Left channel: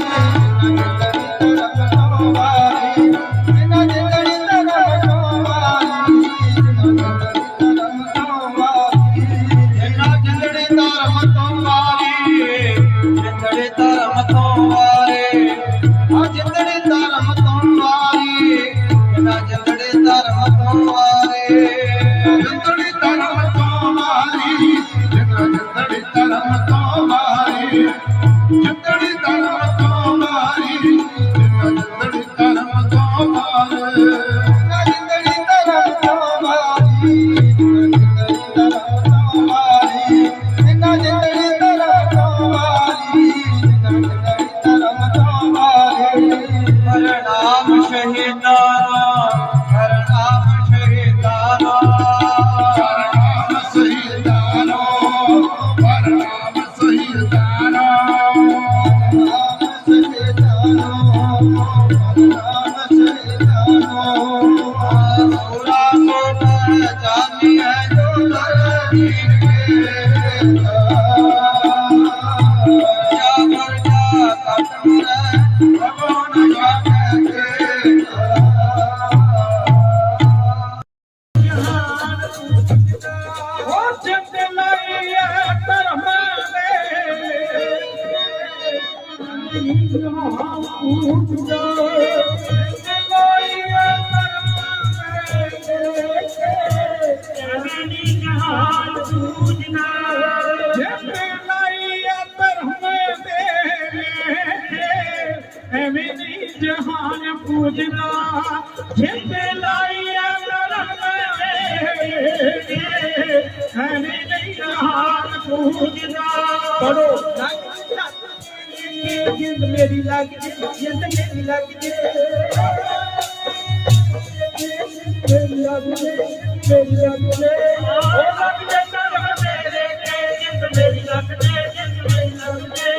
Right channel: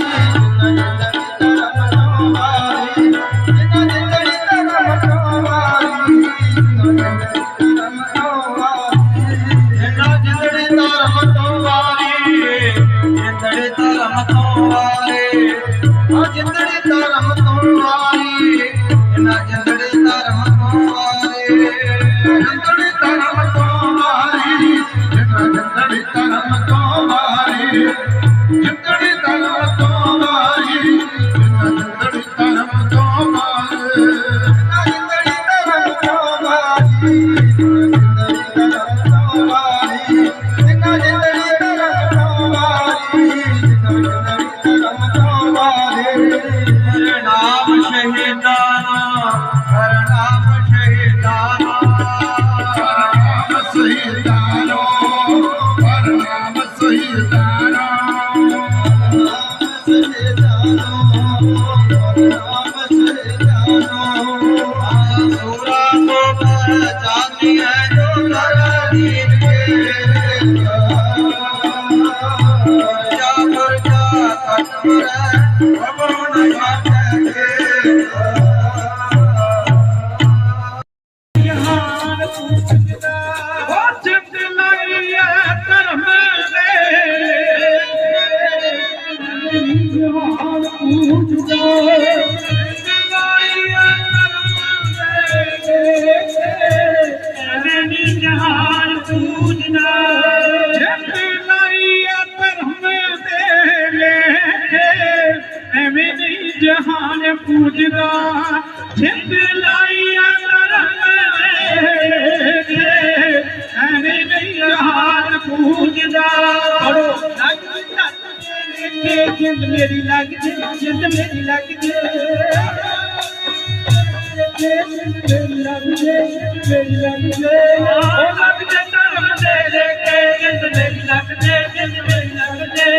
ਇਹਨਾਂ ਨਾਮ ਸੂਰਾ ਪੂਜਦਾ ਪੜੋ ਜਿੰਦ ਮੇਰੀ ਲੱਗ ਜੇ ਜਿੰਦ ਮੇਰੀ ਲੱਗ ਜੇ ਮੇਰੀ ਲੱਗ ਜੇ ਮੇਰੀ ਲੱਗ ਜੇ ਉਹ ਲੱਗ ਜੇ ਧਰਮ ਦੇ ਦੇ ਕੇ ਜਿੰਦ ਮੇਰੀ ਲੱਗ ਜੇ ਜਿੰਦ ਮੇਰੀ ਲੱਗ ਜੇ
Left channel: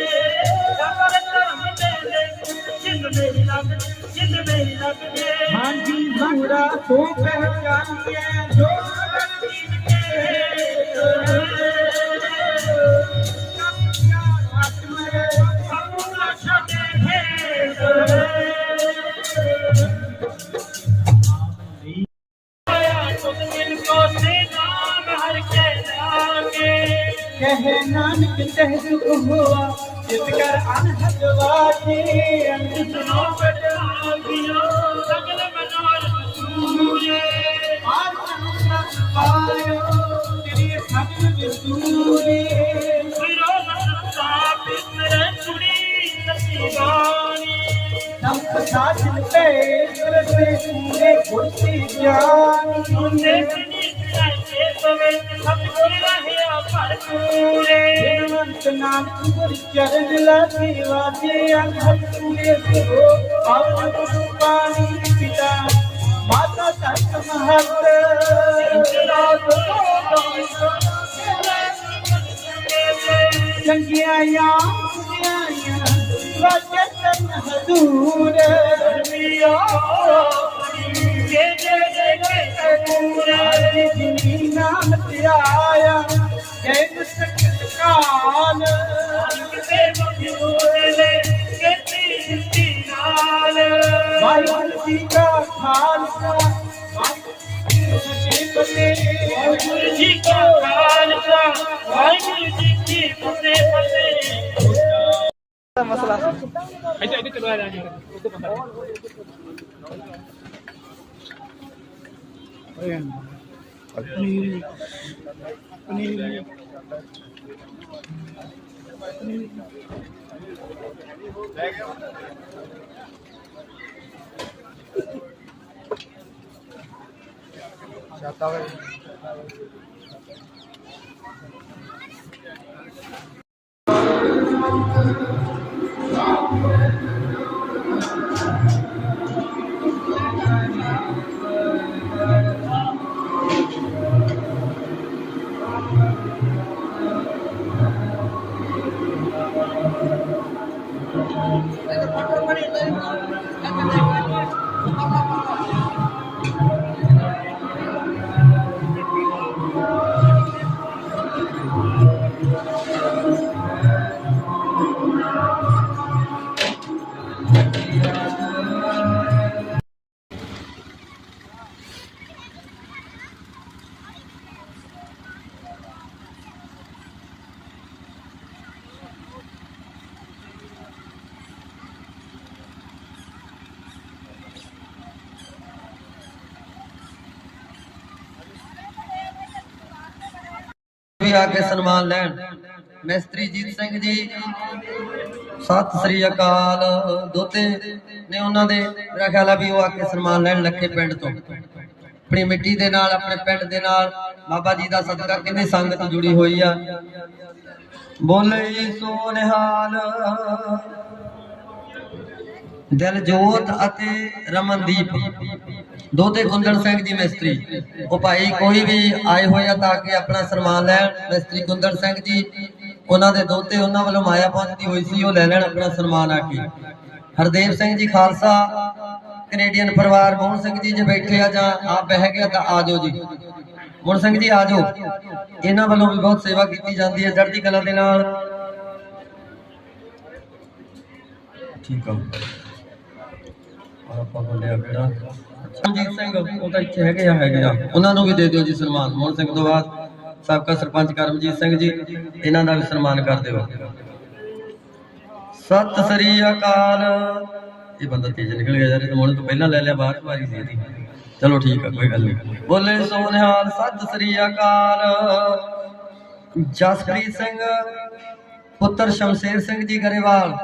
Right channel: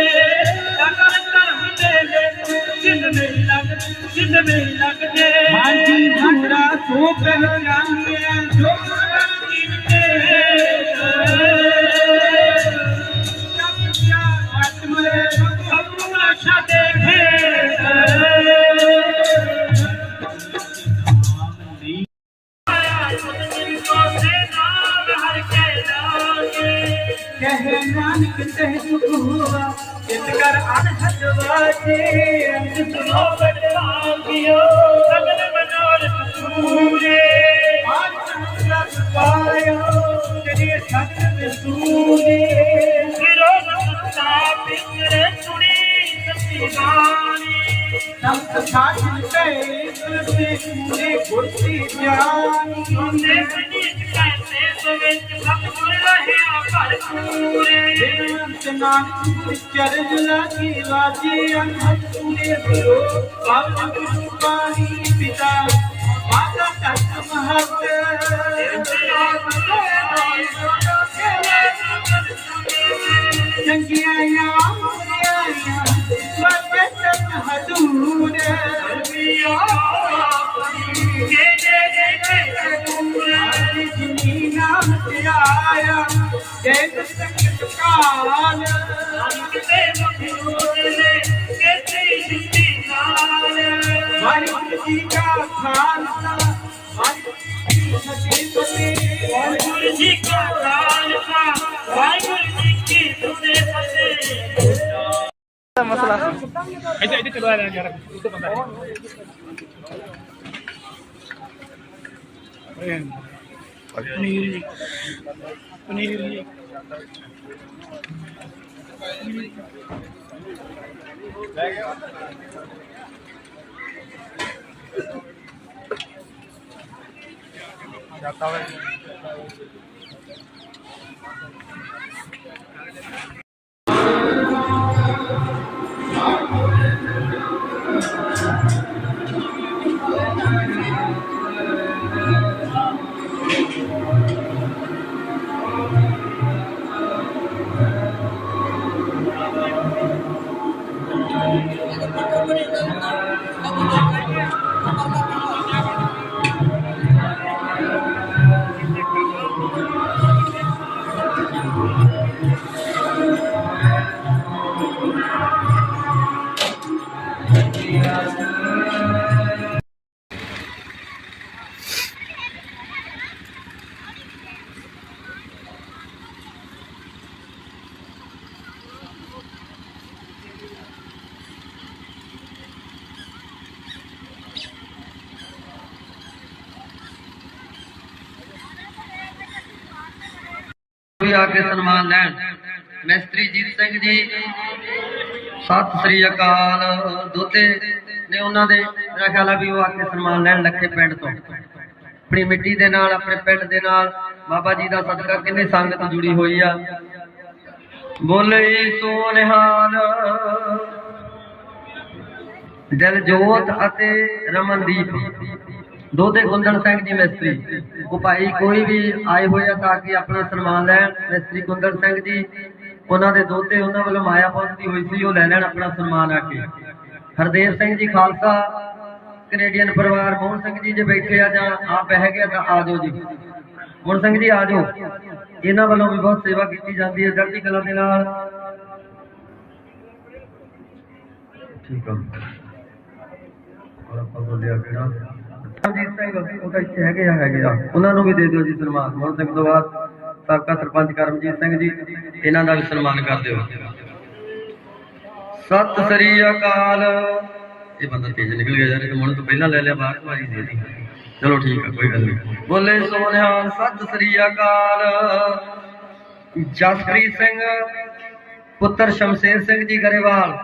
ਲੱਗ ਜੇ ਧਰਮ ਦੇ ਦੇ ਜਿੰਦ ਮੇਰੀ ਲੱਗ ਜਿੰਦ ਮੇਰੀ ਲੱਗ ਜੇ ਹਾਂਜੀ ਪੂਰਾ ਤੂੰ ਪਹਿਚਾਨਿਆ ਜੋ ਕੈ ਤਰਸੇ ਪੂਰੇ ਗੁਰਤੀ ਜਾਨੀ ਹੁੰਦੇ ਸਨੀਤ ਕੈਸੇ ਸਵੇਤ ਸਤਿਗੁਰ ਰਹਿਆ ਭਰਪੂਰੇ ਬਿਨੰਤ ਨਾਨਕ ਗੁਰ ਚਰਨ ਲਾਗੀ ਵਾਜੇ ਅਨਹਦ ਪੂਰੇ ਗੁਰੂ ਪਾਵਨ ਜੇ ਜੇ ਜੇ ਜੇ ਪੂਰਾ ਜਿਨੀ ਨਾਮ ਤੇ ਆਇਆ ਸੰਕਟ ਕਾਲ ਅੰਤੇ ਮਖੂਲੇ ਕਿਤੇ ਜਿੱਤੀ ਨਾਲ ਵਾਹਿਗੁਰੂ ਜੀ ਕਾ ਖਾਲਸਾ, ਵਾਹਿਗੁਰੂ ਜੀ ਕੀ ਫਤਿਹ। ਵਾਹਿਗੁਰੂ ਜੀ ਕਾ keluar yang jarak tutup bentar. Ayan. Panir. Panir. ਆ ਕੇ ਸਨਮਾਨ ਲੈਣ। ਮਿਸਤਰੀ ਜੀਤ ਸਿੰਘ ਜੀ, ਸਤਿ ਸ੍ਰੀ ਅਕਾਲ। ਦੋਤੇ ਨੇ ਉਹਨਾਂ ਦੇ ਮੇਰਾ ਖਿਆਲ ਆ ਵੀ ਉਹ ਆ ਕੇ ਸਨਮਾਨ ਲੈਣ ਲੱਗੇ ਪਿੰਡ ਤੋਂ। ਆਪਣੀ ਮਿੱਟੀ ਦੇ ਨਾਲ, ਆਪਣੇ ਪਿੰਡ ਦੇ ਨਾਲ। ਬਾਬਾ ਜੀ ਦਾ ਸਦਕਾ ਕਿੰਨੀ ਸੰਗਤ ਜੁੜੀ ਹੋਈ ਆ। ਬੋਲੇ ਸੋ ਨਿਹਾਲ ਦਿਲ ਜੋਤ ਅਤੇ ਰਮਨਦੀਪ। ਦੋਤੇ ਗੁੰਦਨ ਸਿੰਘ ਜੀ ਮਿਸਤਰੀ। ਉਹ ਭਾਈ ਕੋਈ ਵੀ ਆਏ ਹੋਏ ਆ ਤਾਂ ਕਿ ਆਪਣਾ ਸਨਮਾਨ ਲੈਣ, ਮਿਸਤਰੀ ਗੁੰਦਨ ਸਿੰਘ ਜੀ, ਉਹਨਾਂ ਦੇ ਦੋਤੇ ਉਹਨਾਂ ਵੱਲੋਂ ਮਾਇਆ ਪਹੁੰਚਦੀ ਹੋਈ ਸੀ, ਉਹ ਲੈ ਲੈਣ ਆਪਣਾ ਸਨਮਾਨ ਆ ਕੇ। ਹਰਦੇਵ ਸਿੰਘ ਜੀ ਖਾਲਸਾ ਕੈਨੇਡੀਅਨ ਪਰਿਵਾਰ, ਮੋਹਨ ਸਿੰਘ ਜੀ ਜੇ ਬੈਠੇ ਆ ਜਾਂ ਆਪ ਬਹਿ ਗਿਆ ਤਾਂ ਆ ਜਾਓ ਜੀ। ਮੋਹਨ ਸਿੰਘ ਜੀ ਆ ਜਾਓ। ਇਹਨਾਂ ਵੱਲੋਂ ਵੀ ਬਹੁਤ ਸੇਵਾ ਕੀਤੀ ਜਾਂਦੀ ਹੈ ਜੜਦੀ ਕਲਾ ਦੇ ਨਾਲ। ਠੀਕ ਆ। ਔਰ ਆਪਾਂ ਬੋਲਿਆ ਕਿਹੜਾ ਰਣਜੀਤ ਸਿੰਘ, ਉਹ ਤਾਂ ਇੱਥੇ ਹੈਗੇ ਆ ਹੈਗੇ ਆ। ਉਹਨਾਂ ਨੂੰ ਵੀ ਦੇ ਦਿਓ ਜੀ ਸਨਮਾਨ। ਮੋਹਨ ਸਿੰਘ ਤੋਂ ਬਾਅਦ ਸਾਬਕਾ ਸਰਪੰਚ ਕਰਮਜੀਤ ਸਿੰਘ ਜੀ, ਇਹਨਾਂ ਦਾ ਸਨਮਾਨ ਕਰ ਦਿਓ। ਸਤਿ ਸ੍ਰੀ ਅਕਾਲ। ਇਹ ਬੰਦਾ ਤੇਜ਼ ਨਿਕਲ ਗਿਆ ਯਾਰ, ਇਹ ਮੋਹਨ ਤੋਂ ਪਹਿਲਾਂ ਲੈ ਲਿਆ, ਬਾਹਰ ਵਾਰੀ ਦੇ ਦੀ ਚਲੋ ਠੀਕ ਆ, ਕੋਈ ਗੱਲ ਨਹੀਂ। ਬੋਲੇ ਸੋਨਿਹਾਲ, ਸਤਿ ਸ੍ਰੀ ਅਕਾਲ। ਜਸਪ੍ਰੀਤ ਸਿੰਘ, ਪੁੱਤਰ ਸ਼ਮਸ਼ੇਰ ਸਿੰਘ ਜੀ ਗਰੇਵਾਲ।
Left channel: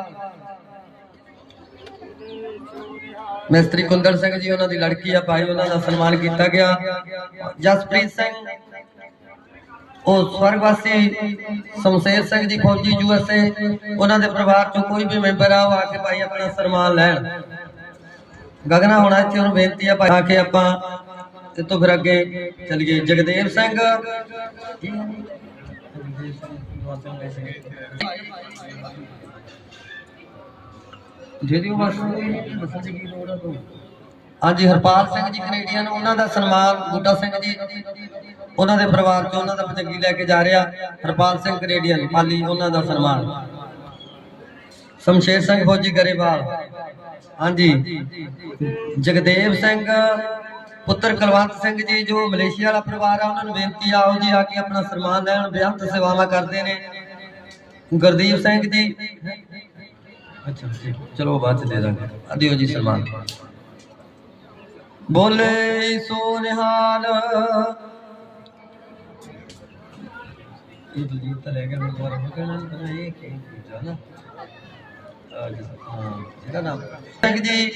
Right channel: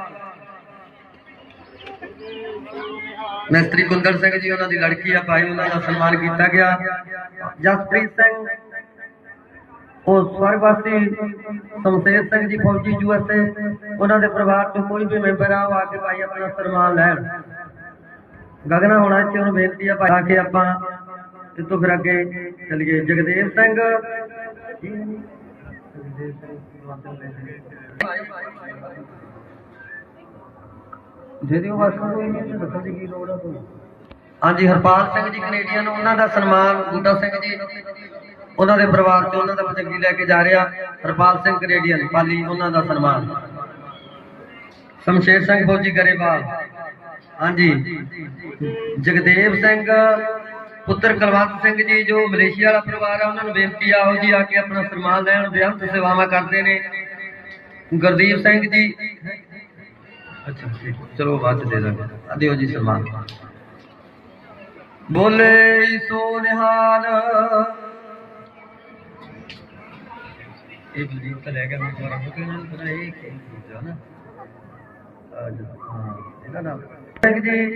ਮਿਸਤਰੀ ਕੁੰਦਨ ਸਿੰਘ ਜੀ, ਉਹਨਾਂ ਦੀ ਲੜਕੀ ਆ ਭਾਈ, ਉਹਨਾਂ ਦਾ ਸਨਮਾਨ ਕੀਤਾ ਗਿਆ। ਜਸਪ੍ਰੀਤ ਸਿੰਘ, ਉਹ ਸਵਰਗਵਾਸੀ ਸ਼ਮਸ਼ੇਰ ਸਿੰਘ ਜੀ, ਫੌਜੀ ਯੂਐਸਏ ਉਹਨਾਂ ਦੇ ਪਰਿਵਾਰ ਚੋਂ ਕੋਈ ਵੀ ਮੈਂਬਰ ਆ, ਉਹ ਆ ਕੇ ਭਾਈ ਆਪਣਾ ਸਨਮਾਨ ਲੈਣ। ਗਗਨਾ, ਹੋਣਾ ਇੱਥੇ ਉਹਨੂੰ ਬੇਨਤੀ ਆ ਭਾਈ, ਆ ਕੇ ਆਪਾਂ ਇਹ ਫਿਰ ਅੱਗੇ ਚੱਲੀਏ। ਜਗਦੇਵ ਸਿੰਘ। ਜਿਹੜੀ ਉਹ ਬਸ ਦੱਸਣ ਦੀ ਕੀ ਲੋੜ ਆ ਤੂੰ ਹਾਂਜੀ, ਹਰਪਾਲ ਸਿੰਘ ਜੀ ਕੈਨੇਡੀਅਨ, ਉਹਨਾਂ ਦਾ ਸਨਮਾਨ ਬੂਟਾ ਸਿੰਘ ਜੀ, ਉਹਨਾਂ ਦੇ ਪਰਿਵਾਰ ਚੋਂ ਉਹਨਾਂ ਦਾ ਪਤੰਗੀ ਲੈ ਕੇ ਜਾ ਰਿਹਾ। ਹਰਪਾਲ ਸਿੰਘ ਕੈਨੇਡੀਅਨ, ਪਾਲੀ, ਉਹਨਾਂ ਦਾ ਸਨਮਾਨ। ਸ਼ਮਸ਼ੇਰ ਸਿੰਘ ਫੌਜੀ ਗਰੇਵਾਲ। ਹਾਂਜੀ। ਜਗਦੇਵ ਸਿੰਘ, ਪੁੱਤਰ ਕੁਲਵੰਤ ਸਿੰਘ ਜੀ, ਜੋ ਮਲੇਸ਼ੀਆ ਵਾਲਾ ਪਰਿਵਾਰ ਆ, ਉਹਨਾਂ ਨੂੰ ਬੇਨਤੀ ਆ, ਆਓ ਜੀ, ਆ ਕੇ ਆਪਣਾ ਸਨਮਾਨ ਲੈਣ, ਬੇਅੰਤ ਸੇਵਾਵਾਂ ਕਰਦੇ ਨੇ। ਗੁਰਦੀਪ ਸਿੰਘ ਜੀ ਅੱਛਾ ਚਲੋ ਬਾਅਦ ਚ ਦੇ ਦਾਂਗੇ। ਆ ਜੀ ਸਨਮਾਨ ਬੋਲੇ ਸੋ ਨਿਹਾਲ। ਇਹ ਜੀ ਤਾਂ ਲੈ ਗਿਆ ਮੈਂ ਦੁਬਾਰਾ ਹੋ ਗਿਆ ਇਹ ਕੀ ਦੂਜਾ ਨਾ? ਇਹਦਾ ਨਾਮ। ਸਿੰਘ ਜੀ,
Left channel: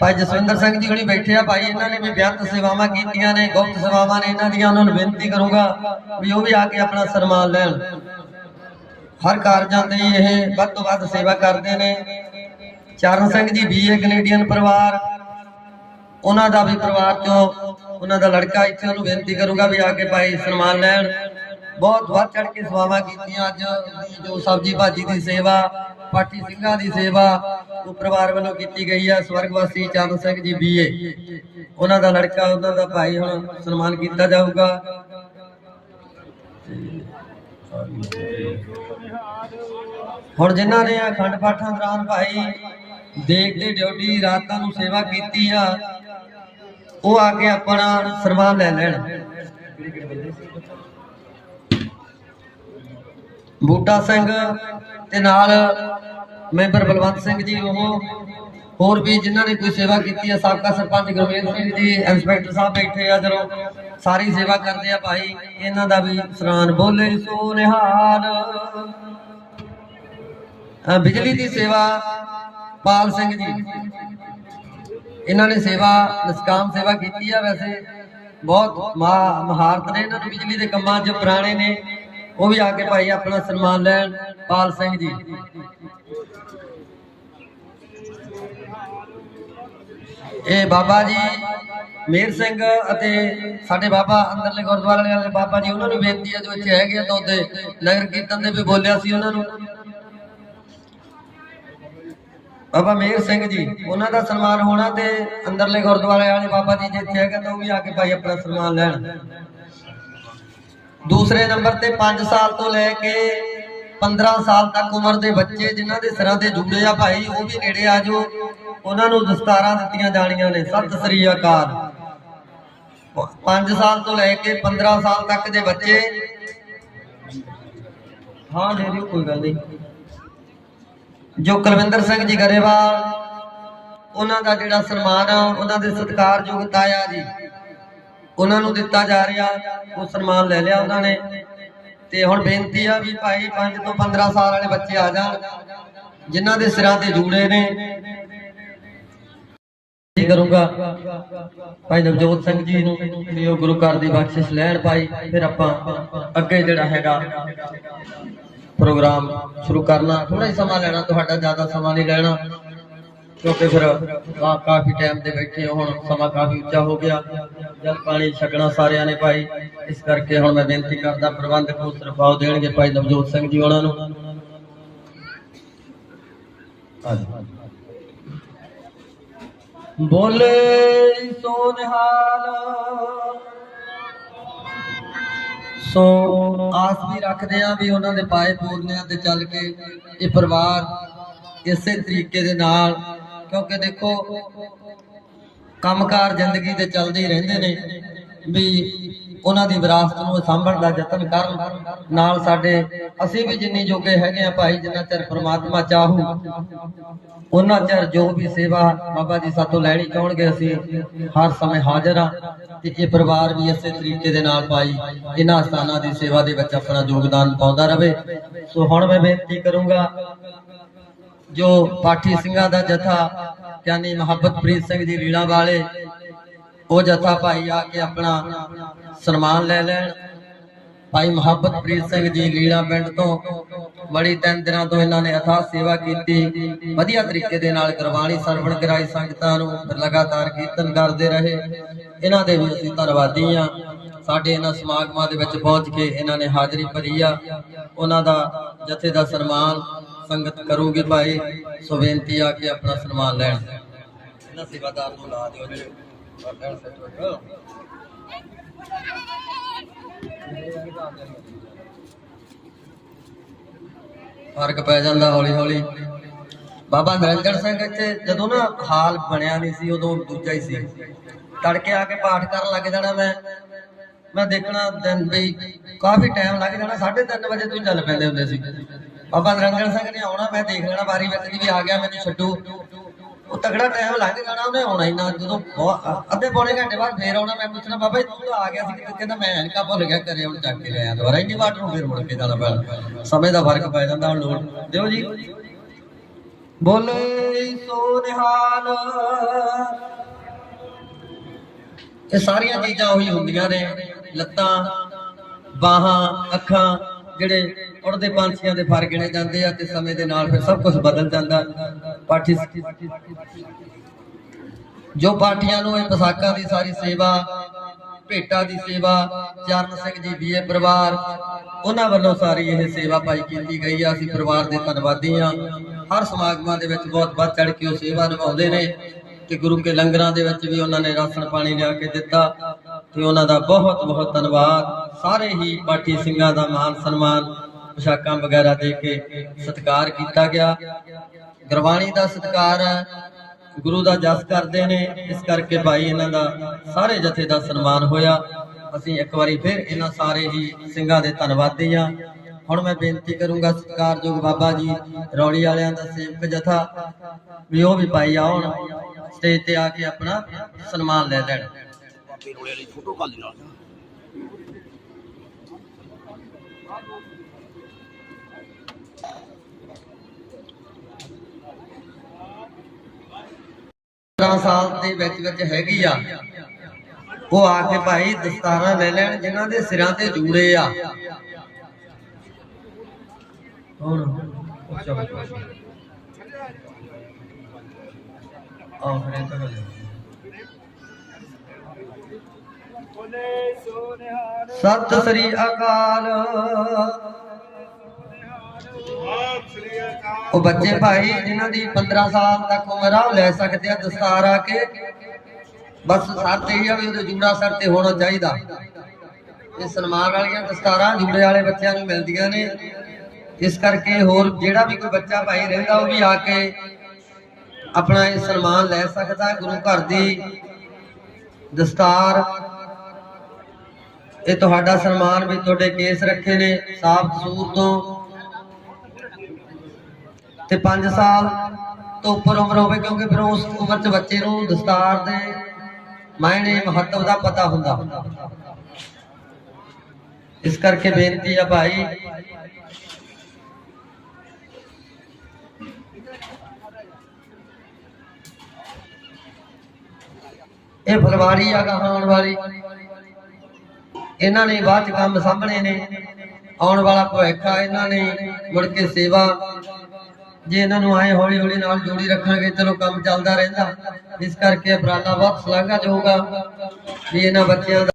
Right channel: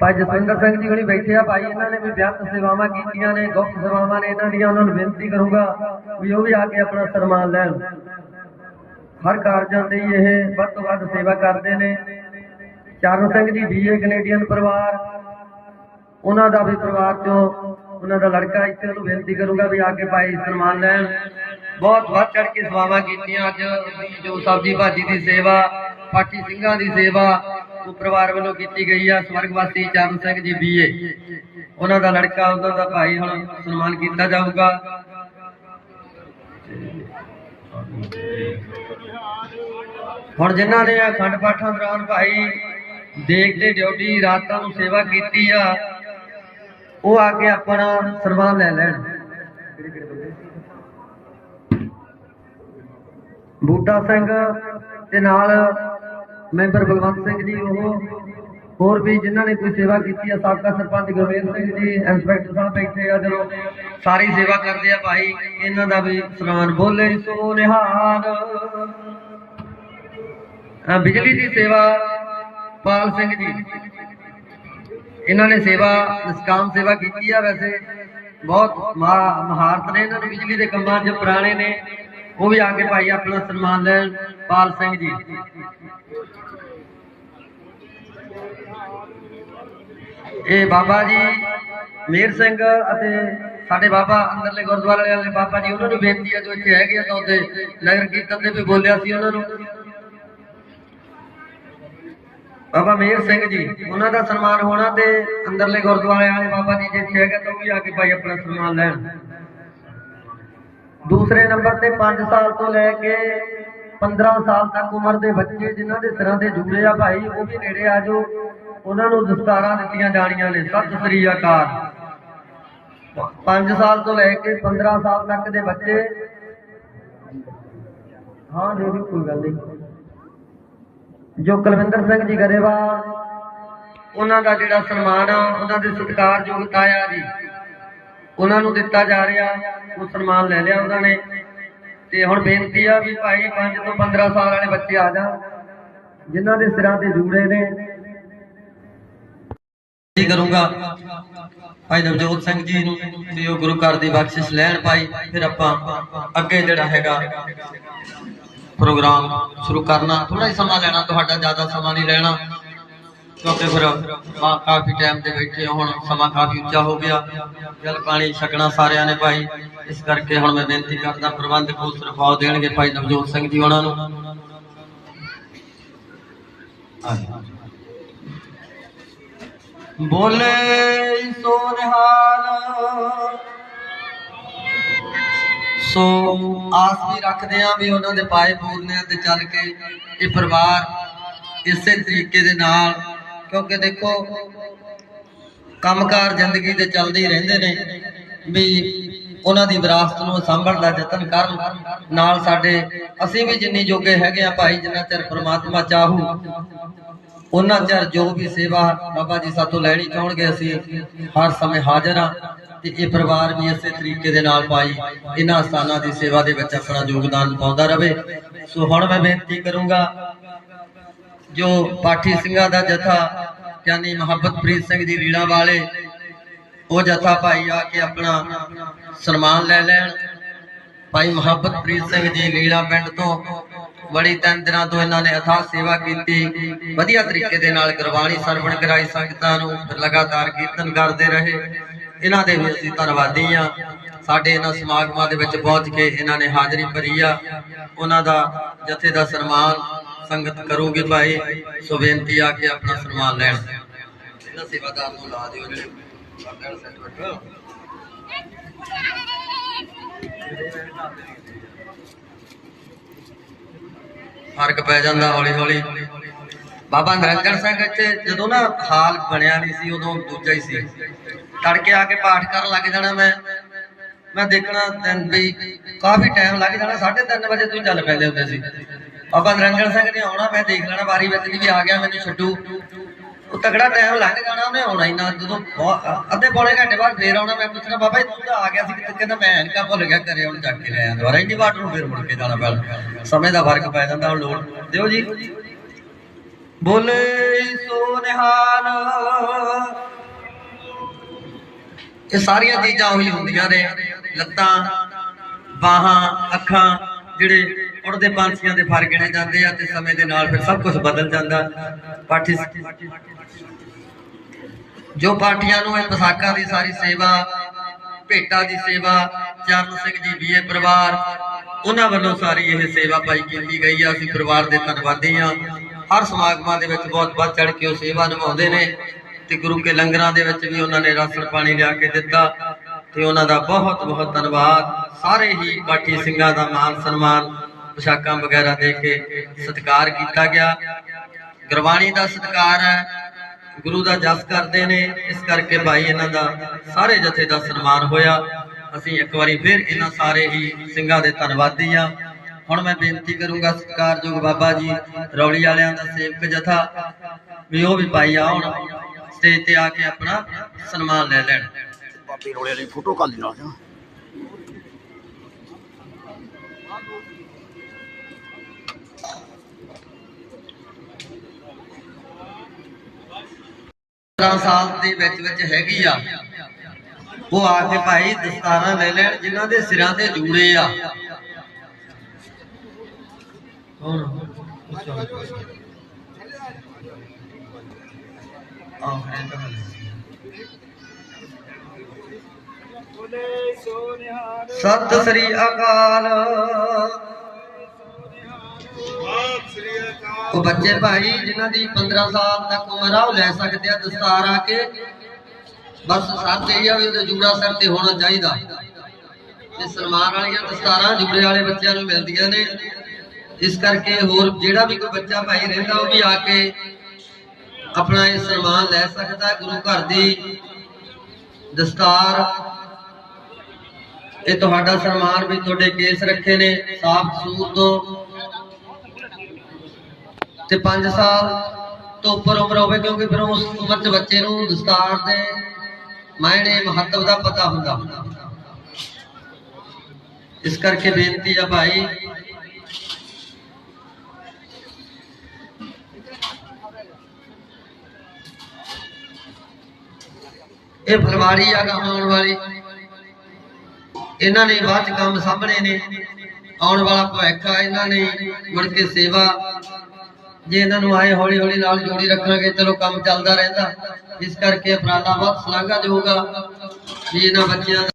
ਭਾਈ ਜਸਵਿੰਦਰ ਸਿੰਘ ਜੀ ਹੁਣੀ ਬੈਠੇ ਆ। ਭਾਈ, ਇਹਨਾਂ ਨੇ ਵੀ ਬੇਅੰਤ ਸੇਵਾਵਾਂ ਕੀਤੀਆਂ ਨੇ, ਗੁਪਤ ਸੇਵਾਵਾਂ ਨੇ। ਇਹਨਾਂ ਦੀਆਂ ਉਹਨਾਂ ਨੂੰ ਬੇਨਤੀ ਕਰੂੰਗਾ ਵੀ ਉਹ ਵੀ ਆ ਕੇ ਆਪਣਾ ਸਨਮਾਨ ਲੈਣ। ਹਰ ਕਾਰਜਾਂ ਤੇ ਇਹ, ਵੱਧ ਤੋਂ ਵੱਧ ਸੇਵਾ ਕਰਦੇ ਨੇ। ਚਰਨ ਸਿੰਘ ਜੀ ਬੀਏ ਕੈਨੇਡੀਅਨ ਪਰਿਵਾਰ। ਉਹਨਾਂ ਦਾ ਵੀ ਪਰਿਵਾਰ ਚੋਂ ਉਹਨਾਂ ਦਾ ਲੜਕਾ ਇੱਥੇ ਉਹਨੂੰ ਬੇਨਤੀ ਕਰੂੰਗਾ ਵੀ ਆ ਕੇ ਭਾਈ ਸਨਮਾਨ ਲੈਣ। ਬਹੁਤ ਵੱਧ ਚੜ ਕੇ ਸੇਵਾਵਾਂ ਕੀਤੀਆਂ ਅੱਜ। ਦੀ ਜੋ ਸਬਜੀ ਭਾਜੀ ਦੀ ਸੇਵਾ, ਪਾਠੀ ਸਿੰਘਾਂ ਦੀ ਸੇਵਾ, ਉਹ ਪਰਿਵਾਰ ਵੱਲੋਂ ਕੀਤੀ ਗਈ ਆ। ਸਵਰਗਵਾਸੀ ਚਰਨ ਸਿੰਘ ਜੀ ਬੀਏ ਉਹਨਾਂ ਦਾ ਲੜਕਾ, ਉਹਨਾਂ ਦਾ ਭਾਈ ਹੁਣ ਸਨਮਾਨ ਕੀਤਾ ਜਾਊਗਾ। ਹੁਣ ਜਿਨ੍ਹਾਂ ਨੇ ਅਖੰਡ ਪਾਠਾਂ ਦੌਰਾਨ ਭਾਈ ਦੇਖਦੇ ਡਿਊਟੀ, ਰਾਤਾਂ ਨੂੰ ਸੇਵਾ ਕੀਤੀ ਆ, ਉਹ ਆ ਕੇ ਆਪਣਾ ਸਨਮਾਨ ਲੈ ਲੈਣ। ਬੂਟਾ ਸਿੰਘ ਤੇ ਨਾਲ ਮੈਂਬਰ ਬਲਵੰਤ ਸਿੰਘ ਜੀ, ਉਹ ਹੋਰ ਵੀ ਜਿਨ੍ਹਾਂ ਨੇ ਕੋਈ ਸੇਵਾ ਕੀਤੀ ਆ, ਸਾਬਕਾ ਸਰਪੰਚ ਗੁਰਮੇਲ ਸਿੰਘ ਜੀ, ਇੰਸਪੈਕਟਰ ਸਾਹਿਬ ਬੈਠੇ ਆ, ਜਦੋਂ ਸਾਰੀ ਸੇਵਾ ਕਰਦੇ ਆ ਭਾਈ, ਇਹਨਾਂ ਦਾ ਵੀ ਸਨਮਾਨ ਬੋਲੇ ਸੋ ਨਿਹਾਲ ਬਿਜਲੀ ਦੀ ਸੇਵਾ, ਪਾਲ ਸਿੰਘ ਜੀ। ਇਹਨਾਂ ਨੇ ਸੇਵਾ, ਨਿਸਕਾਮ ਸੇਵਾ ਕੀਤੀ ਆ ਵੈਸੇ। ਬਹੁਤ ਮਹਾ- ਮਹਾਰਤ ਨੇ ਇਹਨਾਂ ਨੂੰ ਬਿਜਲੀ ਦੇ ਕੰਮਾਂ 'ਚ, ਪੁਰਾਣੇ ਨੇ। ਉਹ ਵੀ ਆ ਕੇ ਭਾਈ ਆਪਣਾ ਸਨਮਾਨ ਲੈਣ, ਪਾਲ ਸਿੰਘ ਜੀ। ਇਹ ਬਾਬਾ ਜੀ, ਮੇਰ ਸਿੰਘ ਅਤੇ ਸਾਡੇ ਬਾਬਾ ਅੰਦਰਲੇ ਗੁਰਦੁਆਰੇ ਵਾਲੇ ਬਾਬਾ ਜੀ, ਉਹਨਾਂ ਨੂੰ ਬੇਨਤੀ ਹੈ ਜੋ ਇੱਥੇ ਹੈਗੇ ਆ ਤਾਂ ਉੱਥੇ ਨਗਰ ਕੀਰਤਨ ਦੇ ਵੀ ਬੋਲਿਆ ਸੀ ਉਹਨਾਂ ਨੂੰ। ਬਾਬਾ ਮੇਰ ਸਿੰਘ ਜੀ, ਉਹਨਾਂ ਦਾ ਸਨਮਾਨ ਹੋਣਾ ਤੇ ਅੰਦਰਲੇ ਗੁਰਦੁਆਰੇ ਵਾਲੇ ਬਾਬਾ ਜੀ ਜਿੱਥੇ ਹੈਗਾ ਤਾਂ ਉਹ ਵੀ ਆ ਕੇ ਭਾਈ ਆਪਣਾ ਸਨਮਾਨ ਲੈਣ। ਦੂਸਰੇ ਨੰਬਰ ਤੇ 5 ਸਾਲ ਤੋਂ ਲੈ ਕੇ 15 ਸਾਲ ਤੱਕ ਉਮਰ ਦੇ ਬੱਚੇ ਜਿਨ੍ਹਾਂ ਦੇ ਸਿਰਾਂ ਤੇ ਜੂੜੇ ਆ ਭਾਈ, ਉਹ ਵੀ ਨੇੜੇ ਆ ਜੋ ਉਹਨਾਂ ਨੂੰ ਦਸਤਾਰਾਂ ਦਿੱਤੀਆਂ ਜਾਣੀਆਂ ਨੇ। ਸਤਿ ਸ੍ਰੀ ਅਕਾਲ। 5 ਸਾਲ ਤੋਂ ਲੈ ਕੇ 15 ਸਾਲ ਤੱਕ ਦੇ ਬੱਚੇ। ਹਾਂ ਦੇ ਦਿਓ ਕੋਈ ਗੱਲ ਨਹੀਂ। ਜੋ ਕੁਲਵਿੰਦਰ ਸਿੰਘ ਜੀ ਗਰੇਵਾਲ, ਉਹਨਾਂ ਦਾ ਜਿਹੜਾ ਸਨਮਾਨ ਆ, ਉਹਨਾਂ ਦੇ ਸਤਿਕਾਰਯੋਗ ਤਾਇਆ ਜੀ, ਉਹਨਾਂ ਨੂੰ ਦਿੱਤਾ ਜਾ ਰਿਹਾ, ਉਹ ਸਨਮਾਨ ਲੈ ਲਿਆ ਉਹਨਾਂ ਨੇ। ਤੇ ਹੁਣ ਬੇਨਤੀ ਆ ਵੀ ਭਾਈ 5 ਤੋਂ 15 ਸਾਲ ਵਾਲੇ ਬੱਚੇ ਆ ਜਾਣ, ਜਿਨ੍ਹਾਂ ਦੇ ਸਿਰਾਂ ਤੇ ਜੂੜੇ ਨੇ। ਕੀ ਕਰੂੰਗਾ ਭਾਈ ਨਵਜੋਤ ਸਿੰਘ ਜੀ ਨੂੰ ਵੀ ਉਹ ਗੁਰੂ ਘਰ ਦੀ ਬਖਸ਼ਿਸ਼ ਲੈਣ ਭਾਈ, ਫਿਰ ਆਪਾਂ ਅੱਗੇ ਜਿਹੜਾ ਹੈਗਾ ਪ੍ਰੋਗਰਾਮ ਸ਼ੁਰੂ ਕਰਨਾ। ਥੋੜਾ ਹੀ ਸਮਾਂ ਲੈਣਾ ਤੁਹਾਡਾ ਜ਼ਿਆਦਾ ਸਮਾਂ ਨਹੀਂ ਲੈਣਾ। ਕਿਉਂਕਿ ਫਿਰ ਆ ਕਾਫੀ ਟਾਈਮ ਦੇ ਬੈਠੇ ਹੋ, ਹੁਣ ਸਮਾਂ ਕਾਫੀ ਉੱਚਾ ਹੋ ਗਿਆ। ਜਲ ਪਾਣੀ ਛਕਣਾ ਸਾਰਿਆਂ ਨੇ ਭਾਈ। ਇਸ ਕਰਕੇ ਹੁਣ ਮੈਂ ਬੇਨਤੀ ਕਰਦਾ ਪ੍ਰਬੰਧਕ ਉਸ ਰਫਾਓ ਦੇਣਗੇ ਭਾਈ ਨਵਜੋਤ ਸਿੰਘ ਜੀ ਉਹਨਾਂ ਨੂੰ। ਬੋਲੇ ਸੋ ਨਿਹਾਲ ਸੋ ਆਸ ਵੀ ਰੱਖਦੇ ਆ ਵੀ ਉਹਨਾਂ ਦੇ ਪਾਏ ਪੂਰਨਿਆਂ ਤੇ ਚੱਲ ਕੇ ਇਹ ਪਰਿਵਾਰ ਇਸੇ ਤਰੀਕੇ ਦੇ ਨਾਲ, ਕਿਉਂਕਿ ਦੇਖੋ, ਕੰਮਕਾਰ ਜ਼ਿੰਦਗੀ ਦੇ ਚੱਲਦੇ ਹੀ ਰਹਿੰਦੇ ਨੇ ਵੀ ਉਹਨਾਂ ਦੀ ਵਿਰਾਸਤ ਨੂੰ ਸੰਭਲਣ ਦਾ ਯਤਨ ਕਰਨ। ਨਾਲ ਸਾਡੇ ਅਸੀਂ ਵੀ ਜਿੰਨੀ ਜੋਗੇ ਹੈਗੇ ਆ ਭਾਈ, ਜਿੰਨਾ ਚਿਰ ਪ੍ਰਮਾਤਮਾ ਚਾਹੂ ਉਹਨਾਂ ਚਿਰ ਜੋ ਵੀ ਸੇਵਾ ਬਾਬਾ ਜੀ ਸਾਤੋਂ ਲੈਣੀ ਚਾਹਣਗੇ ਅਸੀਂ, ਹਰ ਸਮੇਂ ਹਾਜ਼ਰ ਆ ਤੇ ਇਹ ਪਰਿਵਾਰ ਵੀ ਇਸੇ ਤਰੀਕੇ ਦੇ ਨਾਲ ਭਾਈ ਇਹਨਾਂ ਸਥਾਨਾਂ ਦੀ ਸੇਵਾ ਦੇ ਵਿੱਚ ਆਪਣਾ ਯੋਗਦਾਨ ਪਾਉਂਦਾ ਰਹੇ ਸੋ ਹੁਣ ਮੈਂ ਬੇਨਤੀ ਕਰੂੰਗਾ, ਜੋ ਪਾਠੀ ਸਿੰਘਾਂ ਦਾ ਜਥਾ, ਯਾਨੀ ਮੁਹੱਬਤ ਪ੍ਰੀਤ ਸਿੰਘ ਜੀ ਰੀਣਾ ਵਾਲੇ, ਉਹ ਜਥਾ ਭਾਈ ਆ ਕੇ ਆਪਣਾ ਸਨਮਾਨ ਲੈ ਲੈਣ। ਭਾਈ ਮੁਹੱਬਤ ਪ੍ਰੀਤ ਸਿੰਘ ਜੀ ਲੀਲਾ ਪਿੰਡ ਤੋਂ ਬੜੀ ਤਿੰਨ ਦਿਨਾਂ ਤੋਂ ਇਹਨਾਂ ਨੇ ਅਥਾਹ ਸੇਵਾ ਕੀਤੀ। ਵਧੀਆ ਤਰੀਕੇ ਦੇ ਨਾਲ ਗੁਰਬਾਣੀ ਸਰਵਣ ਕਰਾਈ, ਸੰਗਤਾਂ ਨੂੰ ਫਿਰ ਲਗਾਤਾਰ ਕੀਰਤਨ ਕਰਦੇ ਰਹੇ। ਇਹਨਾਂ ਦੇ ਵੀ ਅਸੀਂ ਧੰਨਵਾਦੀ ਆ ਸਾਡੇ ਇਹਨਾਂ ਸਮਾਗਮਾਂ ਦੇ ਵਿੱਚ ਪਹੁੰਚ ਕੇ ਇਹਨਾਂ ਨੇ ਹਾਜ਼ਰੀ ਭਰੀ ਆ। ਉਹਨਾਂ ਦਾ ਜਥੇ ਦਾ ਸਨਮਾਨ ਸੰਗਤ ਕਰੂਗੀ ਭਾਈ। ਸੋ ਬੇਨਤੀ ਆ ਕੇ ਆਪਣਾ ਸਨਮਾਨ ਲੈਣ। ਇਹਨਾਂ ਸੇਵਾਦਾਰ ਨੂੰ ਲਾ ਦਿਓ ਜੀ। ਵਰਦਨ ਸੈਕਟਰ ਫ਼ਰਕ ਪੈ ਜਾਂਦਾ ਹੌਲੀ ਹੌਲੀ। ਬਾਬਾ ਨਿਰੰਜਨ ਸਿੰਘ ਇੱਥੇ ਜਦੋਂ ਨਾ ਹਾਲ ਬਣਿਆ ਨਹੀਂ ਸੀ, ਉਦੋਂ ਦੂਜਾ ਹੀ ਸੀ। ਤੜਕੇ ਆ ਕੇ ਪਾਠ ਕਰਨ ਲੱਗ ਜਾਣਾ ਮੈਂ। ਮੈਂ ਦੇਖਣਾ ਦਿਨ ਵੀ ਕਾਫੀ ਟਾਈਮ ਲੱਗ ਜਾਣਾ 3:30 ਵਜੇ ਤੋਂ ਚੱਲ ਪੈਂਦੇ ਹੁੰਦੇ ਸੀ। ਬਾਬਾ ਨਿਰੰਜਨ ਸਿੰਘ ਨੇ ਆਉਣਾ, ਮੈਂ ਦੇਖ ਲੈਣਾ ਵਾਰੀ ਵਿੱਚ ਵੀ ਆ ਗਿਆ, ਮੈਨੂੰ ਛੱਡੂ। ਉਹ ਤਗੜਾ ਟਾਈਮ ਲੰਘ ਜਾਣਾ, ਉਹਨੇ ਆਉਣਾ ਹੀ ਨਾ ਜਦੋਂ ਅੱਧੇ ਪੌਣੇ ਘੰਟੇ ਬਾਅਦ ਫੇਰ ਆਉਣਾ, ਮੈਂ ਪੁੱਛਣਾ, ਬਾਬਾ ਜੀ, ਤੂੰ ਤਾਂ ਆ ਗਿਆ ਸੀ ਕਿਤੇ, ਕਹਿੰਦਾ ਮੈਂ ਐਨਕਾ ਭੁੱਲ ਗਿਆ, ਘਰੇ ਹੁਣ ਚੱਕ ਕੇ ਲੈ ਆਇਆ ਦੁਬਾਰਾ। ਇੰਨੀ ਵਾਰ ਨੂੰ ਫੇਰ ਮੁੜ ਕੇ ਜਾਣਾ ਪੈਣਾ। ਸਮੇਂ ਦਾ ਫ਼ਰਕ ਪੈ ਜਾਂਦਾ, ਹੁਣ ਲੋੜ। ਦਿਓ ਜੀ। ਬੋਲੇ ਸੋ ਨਿਹਾਲ। ਇਹ ਸਾਰੀਆਂ ਚੀਜ਼ਾਂ ਉਹੀ ਹੁੰਦੀਆਂ ਨੇ। ਲੱਤਾਂ, ਬਾਹਾਂ, ਅੱਖਾਂ, ਜਿਹੜੇ ਉੜਦੇ ਪੰਛੀਆਂ ਦੇ ਫਰ ਗਿਣੇ ਜਾਂਦੇ ਆ ਤੇ ਸਮੇਂ ਦੇ ਨਾਲ ਫਿਰ ਸਭ ਕੁਝ ਬਦਲ ਜਾਂਦਾ। ਪਾਠੀ ਜੋ ਪਾਠੀਆਂ ਨੂੰ ਇਹ ਪਸਾਕਾਂ ਦੀ ਸਾਰੀ ਸੇਵਾ, ਭੇਟਾ ਦੀ ਸੇਵਾ, ਚਰਨ ਸਿੰਘ ਜੀ ਬੀਏ ਪਰਿਵਾਰ, ਉਹਨਾਂ ਵੱਲੋਂ ਸਾਰੀ ਇਹ ਸੇਵਾ ਪਾਈ ਕੀਤੀ ਗਈ ਆ। ਅਸੀਂ ਪਰਿਵਾਰ ਦੇ ਧੰਨਵਾਦੀ ਆ। ਹਰ ਸਮਾਗਮਾਂ ਦੇ ਵਿੱਚ ਬਹੁਤ ਵੱਧ ਚੜ ਕੇ ਉਹ ਸੇਵਾ ਨਿਭਾਉਂਦੇ ਨੇ ਤੇ ਗੁਰੂ ਕੇ ਲੰਗਰਾਂ ਦੇ ਵਿੱਚ ਵੀ ਉਹਨਾਂ ਨੇ ਰਾਸ਼ਨ ਪਾਣੀ ਲਿਆ ਕੇ ਦਿੱਤਾ ਤੇ ਉਹਨਾਂ ਦਾ ਬਹੁਤ ਬਹੁਤ ਧੰਨਵਾਦ। ਸਾਰੇ ਹੀ ਪਾਠੀ ਸਿੰਘਾਂ ਦਾ ਮਾਨ ਸਨਮਾਨ ਪੋਸ਼ਾਕਾਂ ਵਗੈਰਾ ਦੇ ਕੇ ਸਤਿਕਾਰ ਕੀਤਾ ਗਿਆ। ਗੁਰਬਾਣੀ ਦਾ ਸਤਿਕਾਰ ਹੈ। ਗੁਰੂ ਦਾ ਜਸ ਕਰਦੇ ਨੇ। ਇਸ ਕਰਕੇ ਭਾਈ ਇਹਨਾਂ ਦਾ ਸਾਰੇ ਜਥੇ ਦਾ ਸਨਮਾਨ ਹੋਇਆ। ਅਸੀਂ ਇੱਕ ਵਾਰੀ ਫਿਰ ਇਹਨਾਂ ਸਾਰੇ ਹੀ ਸਿੰਘਾਂ ਦੇ ਧੰਨਵਾਦੀ ਆ ਹੁਣ ਮੈਂ ਬੇਨਤੀ ਕਰੂੰਗਾ ਸਤਿਕਾਰਯੋਗ ਬਾਬਾ ਜੀ, ਰੌਲੀ ਵਾਲਿਆਂ ਦਾ ਸੇਵਕ ਜਥਾ, ਵੀ ਉਹ ਵੀ ਭਾਈ ਆਉਣ ਸਟੇਜ ਤੇ ਆ ਕੇ ਆਪਣਾ ਸਨਮਾਨ ਲੈ ਲੈਣ। ਬਾਬੇ ਰੌਲੀ ਵਾਲੀ ਫੋਟੋ ਕਾਲ ਨਾਲ। 17 ਸਾਲ ਦੇ ਵਿੱਚ ਵਿੱਚ ਹੈਗੀ ਆ। ਉਹ ਆ ਕੇ ਭਾਈ ਦਸਤਾਰਾਂ ਲੈ ਲੈਣ, ਜਿਨ੍ਹਾਂ ਦੇ ਸਿਰਾਂ ਤੇ ਜੂੜੇ ਆ। ਕੌਣ? ਆਖਰੇ ਸ੍ਰੀ ਅਕਾਲ। ਉਹ ਬੱਚੇ ਭਾਈ, ਜਿਨ੍ਹਾਂ ਦੀ 15 ਸਾਲ ਤੱਕ ਉਮਰ ਆ, ਉਹ ਲੈ ਸਕਦੇ ਆ ਦਸਤਾਰ ਆ ਕੇ। ਬਸ ਸਭ ਇਹ ਆ ਵੀ ਉਹਦੇ ਜੂੜਾ ਸਿਰ ਤੇ ਹੋਣਾ ਚਾਹੀਦਾ। ਤੇ ਸਲਮਾਨ ਵਾਲੀਆਂ ਦਸਤਾਰਾਂ ਜੂੜੇ ਵਾਲੇ ਬੱਚਿਆਂ ਨੂੰ ਮਿਲਦੀਆਂ ਨੇ। ਇਸ ਕਰਕੇ ਹੋਰ ਜਿਹੜਾ ਵੀ ਕੋਈ ਬੱਚਾ ਭਾਈ ਰਹਿੰਦਾ, ਉਹ ਵੀ ਆ ਕੇ ਆਪਣਾ ਇਹ ਸਨਮਾਨ ਲੈ ਸਕਦਾ ਗੁਰੂ ਘਰ ਦੀ ਦਸਤਾਰ। ਇਹ ਤੁਹਾਡਾ ਸਨਮਾਨ ਵੀ ਤੁਹਾਡੇ ਕੇਸ ਰੱਖੇ ਨੇ, ਸਾਫ਼ ਸੂਰ ਤੋਂ। ਤੇ 5 ਸਾਲ ਤੋਂ ਉੱਪਰ ਉਮਰ ਹੋਵੇ, ਕਿਉਂਕਿ ਫਿਰ ਉਸ ਉਮਰ 'ਚ ਬੱਚੇ ਨੂੰ ਦਸਤਾਰ ਦੇ ਮਾਇਨੇ, ਮਹੱਤਵ ਦਾ ਪਤਾ ਹੁੰਦਾ। ਇਸ ਕਰਕੇ ਬੇਨਤੀ ਆ ਭਾਈ, ਇਹ ਫਲਵਾੜੀ ਆ ਆਉਣ ਵਾਲੀ। ਇਹਨਾਂ ਨੇ ਬਾਅਦ ਚ ਕੰਮ ਸਾਹਮਣੇ ਨੇ। ਆਉਣ ਵਾਲਾ ਭਵਿੱਖ ਆ, ਇਹਨਾਂ ਨੇ ਮੁੜ ਕੇ ਸੇਵਾ ਜੇ ਇਹਨਾਂ ਨੂੰ ਆਏ ਹੌਲੀ ਹੌਲੀ ਨਾਲ ਜੋੜੀ ਰੱਖਾਂਗੇ, ਚਲੋ ਕੰਮ ਚੱਲਦਾ ਰਹਿੰਦਾ। ਇਸ ਕਰਕੇ ਉਪਰਾਲਾ ਵੱਧ ਸ਼ਲਾਘਾਯੋਗ ਆ ਵੀ ਇਹਨਾਂ ਬੱਚਿਆਂ ਦਾ